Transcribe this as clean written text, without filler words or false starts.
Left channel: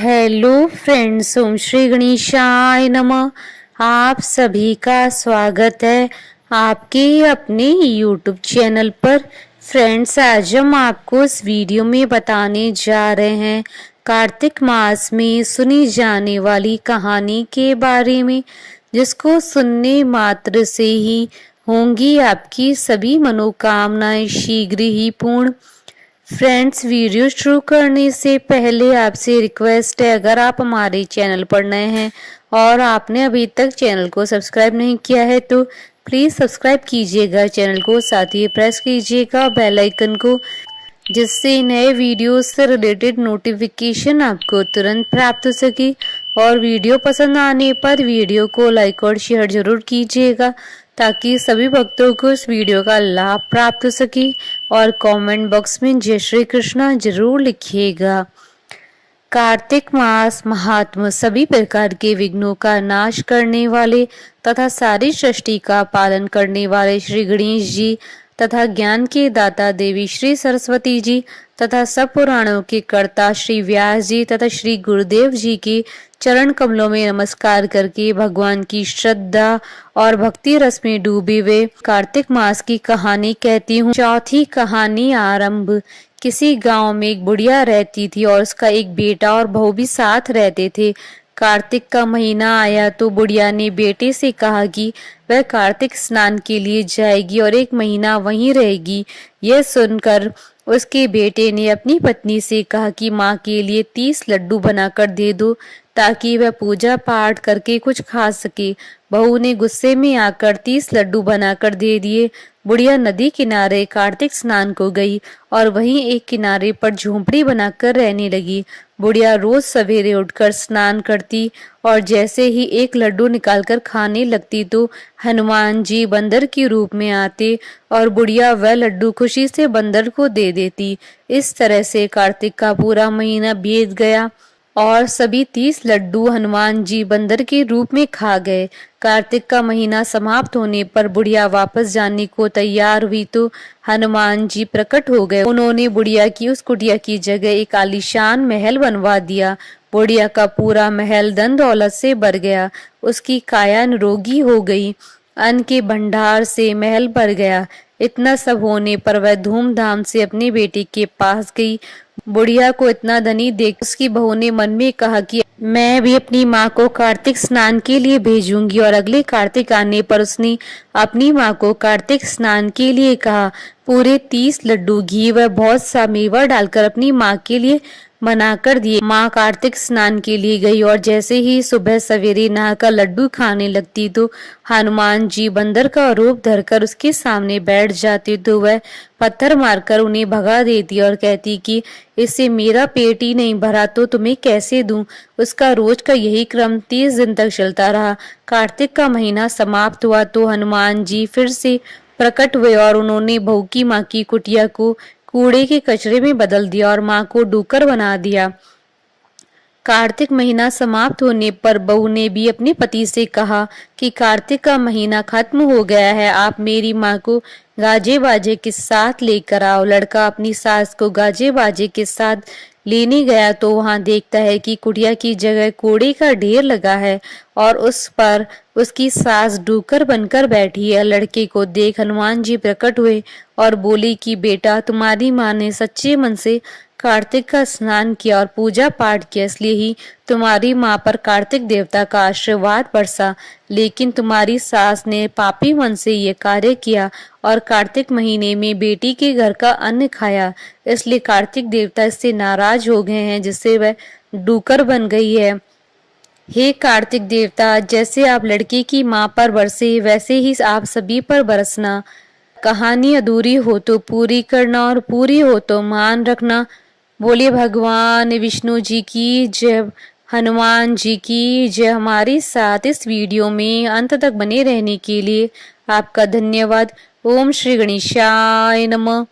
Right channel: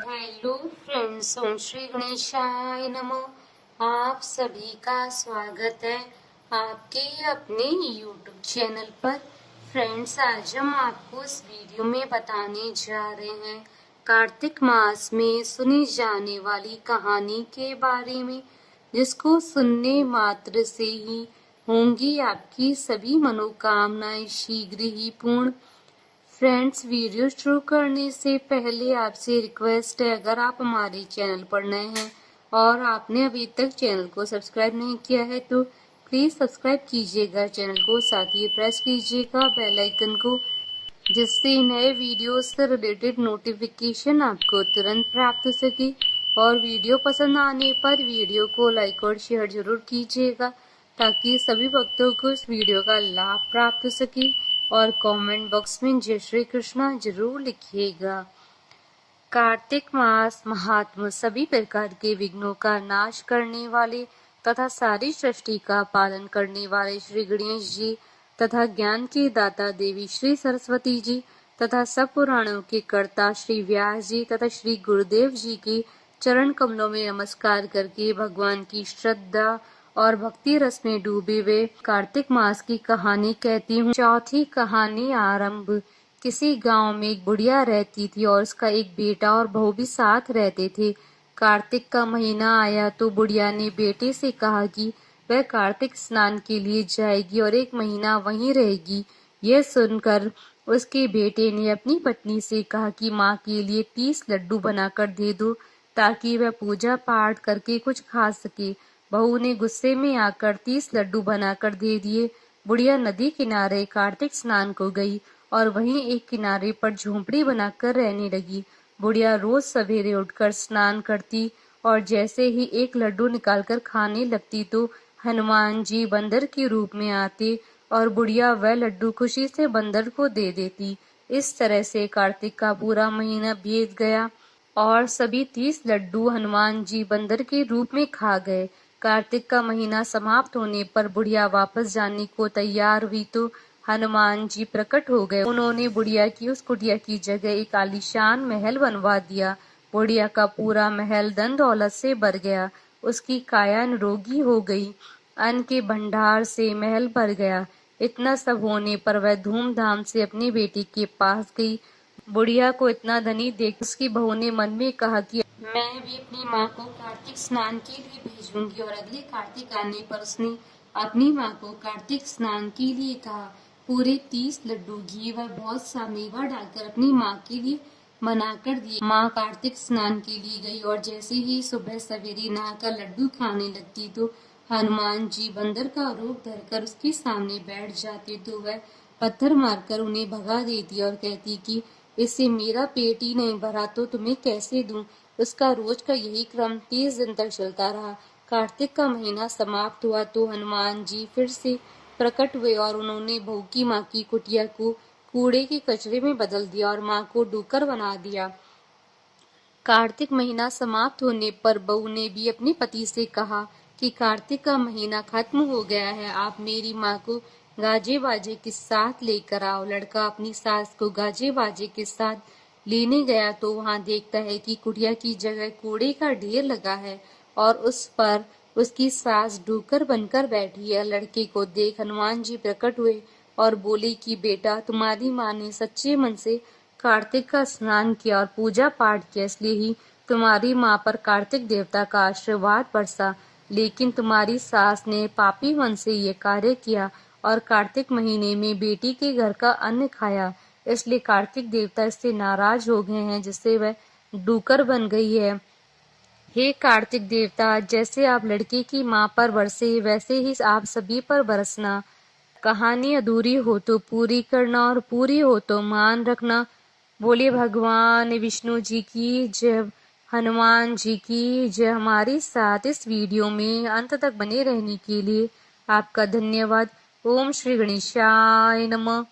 Hello friends, ओम श्री गणेशाय नमः। आप सभी का स्वागत है आपके अपने यूट्यूब चैनल पर। फ्रेंड्स, आज हम आपको इस वीडियो में बताने जा रहे हैं कार्तिक मास में सुनी जाने वाली कहानी के बारे में, जिसको सुनने मात्र से ही होंगी आपकी सभी मनोकामनाएं शीघ्र ही पूर्ण। फ्रेंड्स, वीडियो शुरू करने से पहले आपसे रिक्वेस्ट है, अगर आप हमारे चैनल पर नए हैं और आपने अभी तक चैनल को सब्सक्राइब नहीं किया है तो प्लीज़ सब्सक्राइब कीजिएगा चैनल को, साथ ही प्रेस कीजिएगा बेल आइकन को, जिससे नए वीडियोस से रिलेटेड नोटिफिकेशन आपको तुरंत प्राप्त हो सके। और वीडियो पसंद आने पर वीडियो को लाइक और शेयर जरूर कीजिएगा, ताकि सभी भक्तों को इस वीडियो का लाभ प्राप्त हो सके। और कमेंट बॉक्स में जय श्री कृष्णा जरूर लिखिएगा। कार्तिक मास महात्मा सभी प्रकार के विघ्नों का नाश करने वाले तथा सारी सृष्टि का पालन करने वाले श्री गणेश जी तथा ज्ञान के दाता देवी श्री सरस्वती जी तथा सब पुराणों के कर्ता श्री व्यास जी तथा श्री गुरुदेव जी के चरण कमलों में नमस्कार करके भगवान की श्रद्धा और भक्ति रस में डूबे हुए कार्तिक मास की कहानी कहती हूँ। चौथी कहानी आरंभ। किसी गांव में एक बुढ़िया रहती थी और उसका एक बेटा और बहू भी साथ रहते थे। कार्तिक का महीना आया तो बुढ़िया ने बेटे से कहा कि वह कार्तिक स्नान के लिए जाएगी और एक महीना वहीं रहेगी। यह सुनकर उसके बेटे ने अपनी पत्नी से कहा कि माँ के लिए 30 लड्डू बनाकर दे दो, ताकि वह पूजा पाठ करके कुछ खा सके। बहू ने गुस्से में आकर 30 लड्डू बनाकर दे दिए। बुढ़िया नदी किनारे कार्तिक स्नान को गई और वहीं एक किनारे पर झोंपड़ी बनाकर रहने लगी। बुढ़िया रोज सवेरे उठकर स्नान करती और जैसे ही एक लड्डू निकालकर खाने लगती तो हनुमान जी बंदर के रूप में आते और बुढ़िया वह लड्डू खुशी से बंदर को दे देती। इस तरह से कार्तिक का पूरा महीना बीत गया और सभी 30 लड्डू हनुमान जी बंदर के रूप में खा गए। कार्तिक का महीना समाप्त होने पर बुढ़िया वापस जाने को तैयार हुई तो हनुमान जी प्रकट हो गए। उन्होंने बुढ़िया की उस कुटिया की जगह एक आलीशान महल बनवा दिया। बुढ़िया का पूरा महल धन दौलत से भर गया। उसकी काया निरोगी हो गई। अन्न के भंडार से महल भर गया। इतना सब होने पर वह धूमधाम से अपने बेटे के पास गई। बुढ़िया को इतना धनी देख उसकी बहू ने मन में कहा कि मैं भी अपनी माँ को कार्तिक स्नान के लिए भेजूंगी। और अगले कार्तिक आने पर उसने अपनी माँ को कार्तिक स्नान के लिए कहा। पूरे 30 लड्डू घी व बहुत सा मेवा डालकर अपनी माँ के लिए मना कर दिए। माँ कार्तिक स्नान के लिए गई और जैसे ही सुबह सवेरे नहाकर लड्डू खाने लगती तो हनुमान जी बंदर का रूप धरकर उसके सामने बैठ जाते तो वह पत्थर मारकर उन्हें भगा देती और कहती कि इससे मेरा पेट ही नहीं भरा तो तुम्हें कैसे दूं। उसका रोज का यही क्रम 30 दिन तक चलता रहा। कार्तिक का महीना समाप्त हुआ तो हनुमान जी फिर से प्रकट हुए और उन्होंने बहू की माँ की कुटिया को कूड़े के कचरे में बदल दिया और माँ को डूकर बना दिया। कार्तिक महीना समाप्त होने पर बहू ने भी अपने पति से कहा कि कार्तिक का महीना खत्म हो गया है, आप मेरी माँ को गाजे बाजे के साथ लेकर आओ। लड़का अपनी सास को गाजे बाजे के साथ लेने गया तो वहां देखता है कि कुटिया की जगह कूड़े का ढेर लगा है और उस पर उसकी सास डूकर बनकर बैठी है। लड़के को देख हनुमान जी प्रकट हुए और बोले कि बेटा, तुम्हारी माँ ने सच्चे मन से कार्तिक का स्नान किया और पूजा पाठ किया, इसलिए ही तुम्हारी माँ पर कार्तिक देवता का आशीर्वाद बरसा। लेकिन तुम्हारी सास ने पापी मन से ये कार्य किया और कार्तिक महीने में बेटी के घर का अन्न खाया, इसलिए कार्तिक देवता इससे नाराज हो गए हैं, जिससे वह डूकर बन गई है। हे कार्तिक देवता, जैसे आप लड़के की माँ पर बरसे वैसे ही आप सभी पर बरसना। कहानी अधूरी हो तो पूरी करना और पूरी हो तो मान रखना। बोलिए भगवान विष्णु जी की जय, हनुमान जी की जय। हमारे साथ इस वीडियो में अंत तक बने रहने के लिए आपका धन्यवाद। ओम श्री गणेशाय नमः।